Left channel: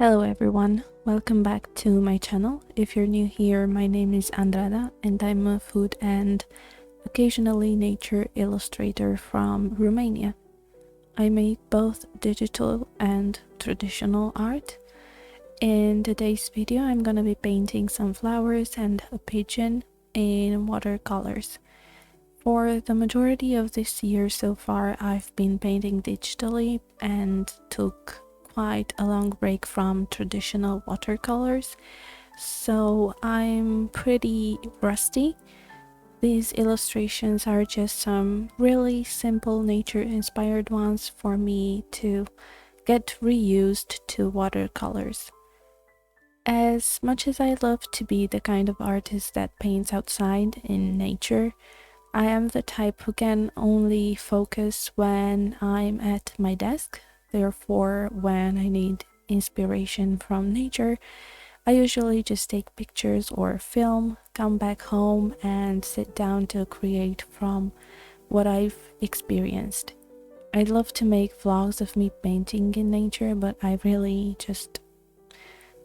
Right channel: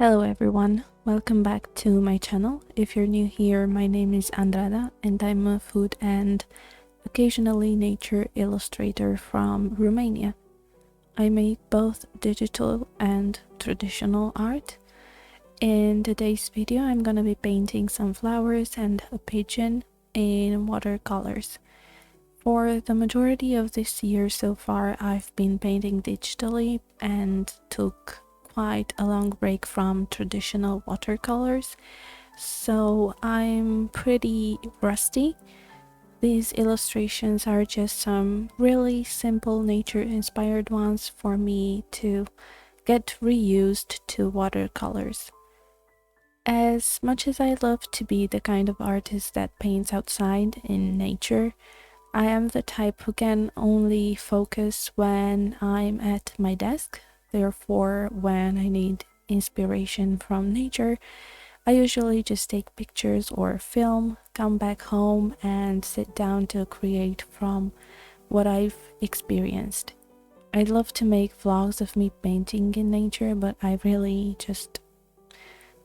Hello everyone, welcome back to my channel. If you're new here, my name is Andrada and I'm a food and occasionally nature illustrator from Romania. I make both digital and traditional art. In today's video, I'm gonna be painting some flowers and a pigeon in watercolors. For the majority of this year so far, I've been painting digitally and took quite a long break from traditional watercolors, so I'm pretty rusty. These illustrations are just some really simple nature-inspired ones for me to get reused to watercolors. As much as I love to be the kind of artist that paints outside in nature, I am the type who can only focus when I'm at my desk. Therefore, when I need inspiration from nature, I usually just take pictures or film, come back home and sit down to create from what I've experienced. I'd love to make vlogs of me painting in nature, but I really just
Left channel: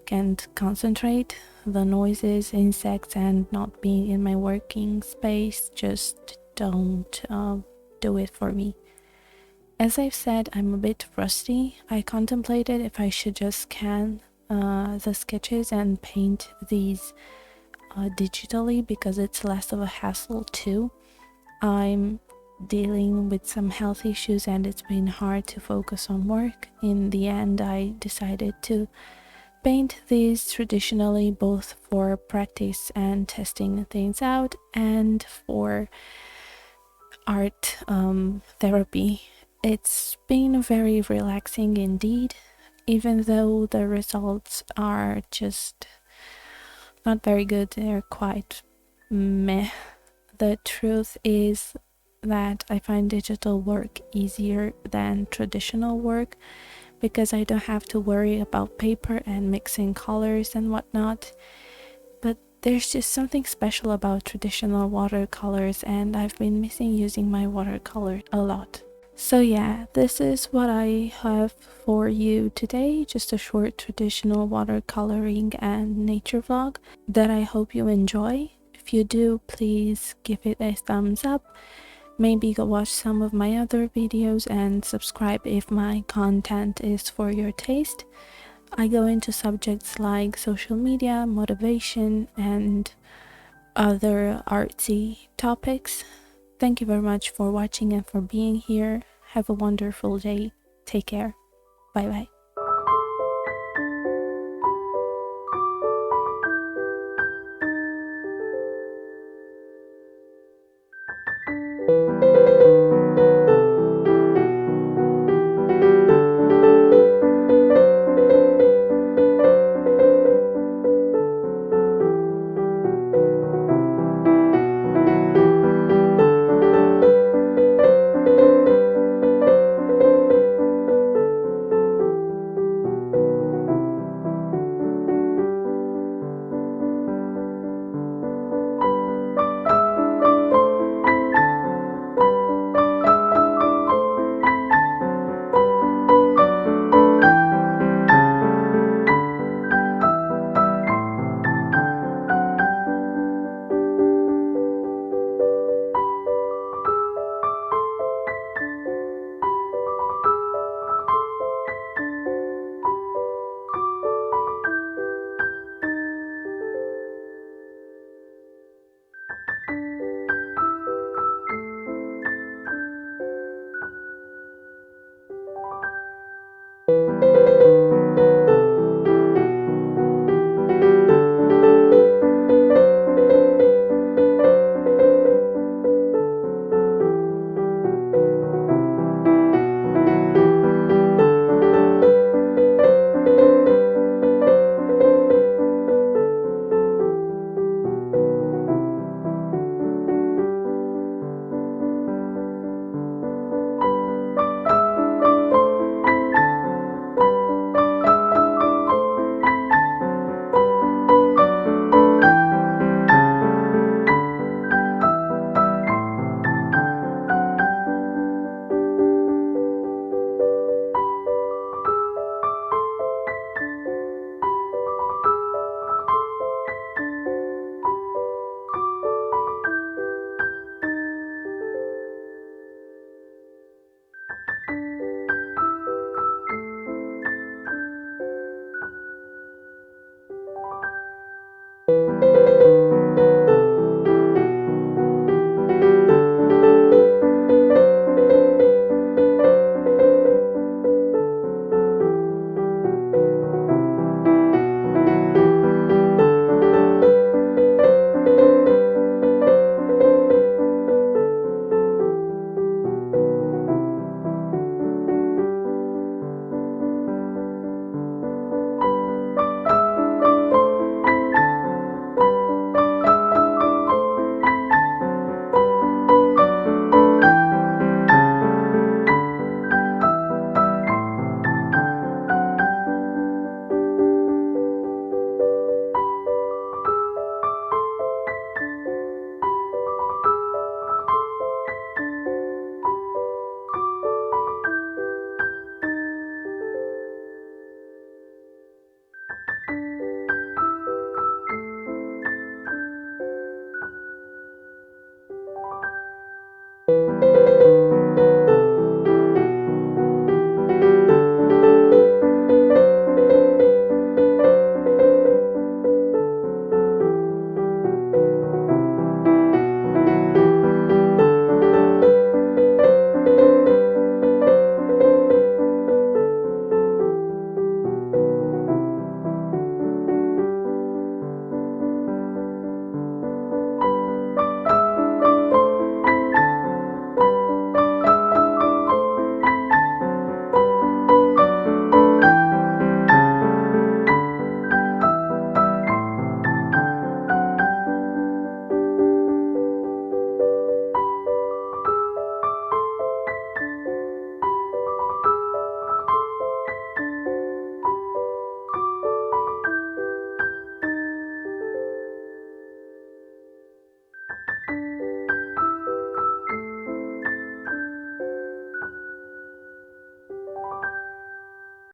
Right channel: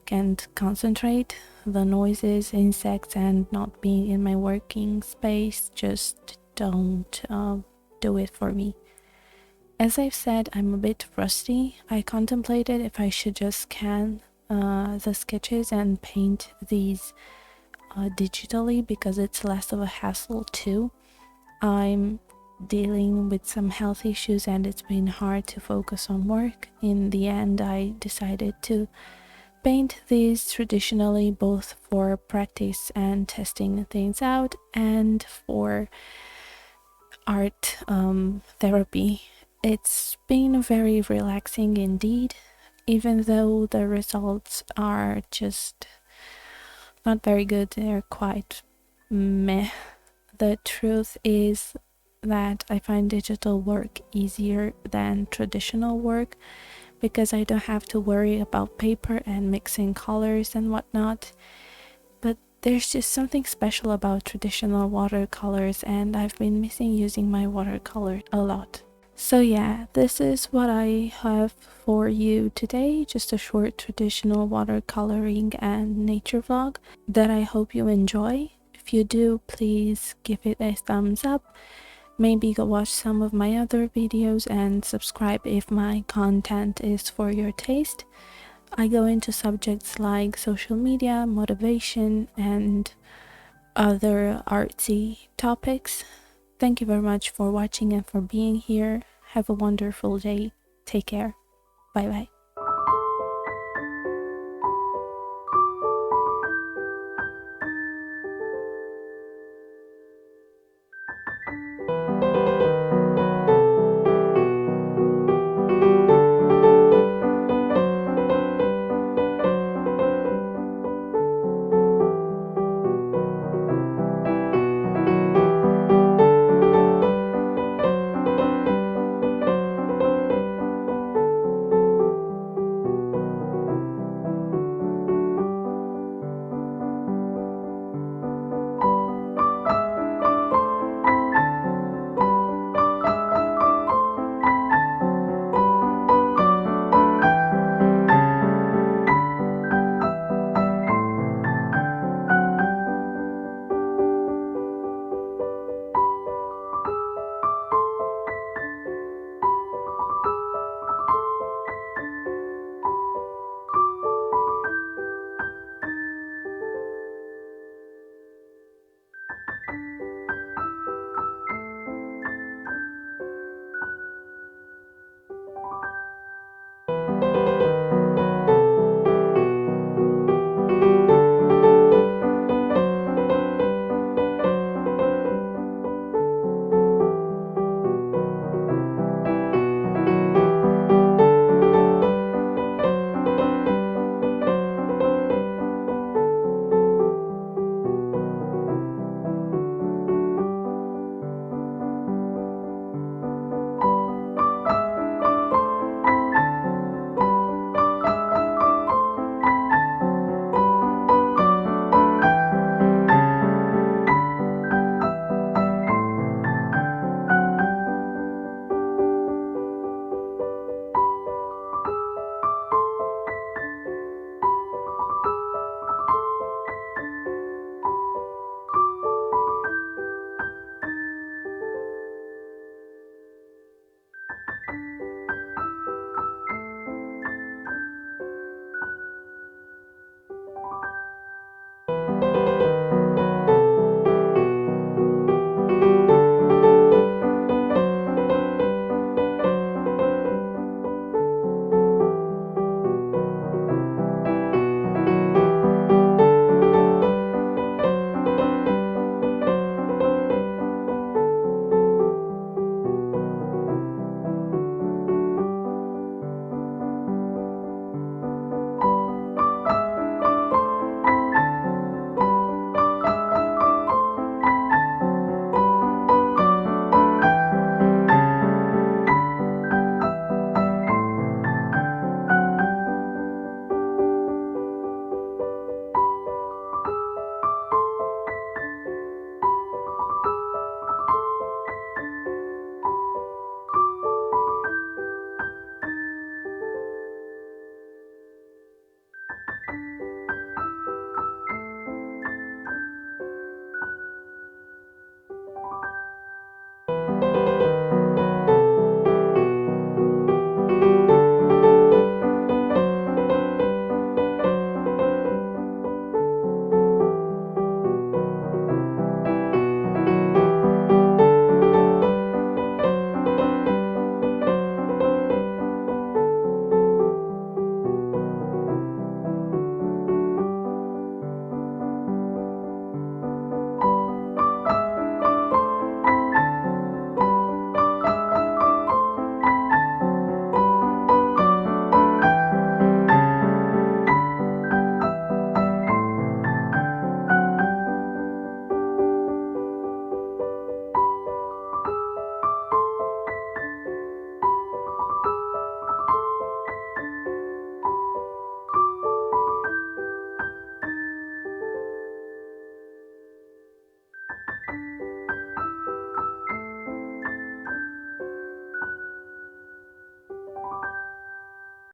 can't concentrate. The noises, insects, and not being in my working space just don't do it for me. As I've said, I'm a bit rusty. I contemplated if I should just scan the sketches and paint these digitally because it's less of a hassle too. I'm dealing with some health issues and it's been hard to focus on work. In the end, I decided to paint these traditionally, both for practice and testing things out and for art therapy. It's been very relaxing indeed, even though the results are just not very good. They're quite meh. The truth is that I find digital work easier than traditional work because I don't have to worry about paper and mixing colors and whatnot. But there's just something special about traditional watercolors, and I've been missing using my watercolor a lot. So yeah, this is what I have for you today, just a short traditional watercoloring and nature vlog that I hope you enjoy. If you do, please give it a thumbs up. Maybe go watch some of my other videos and subscribe if my content is for your taste. I go into subjects like social media, motivation, and other artsy topics. Thank you very much for watching and for being here. Have a wonderful day. Take care. Bye bye.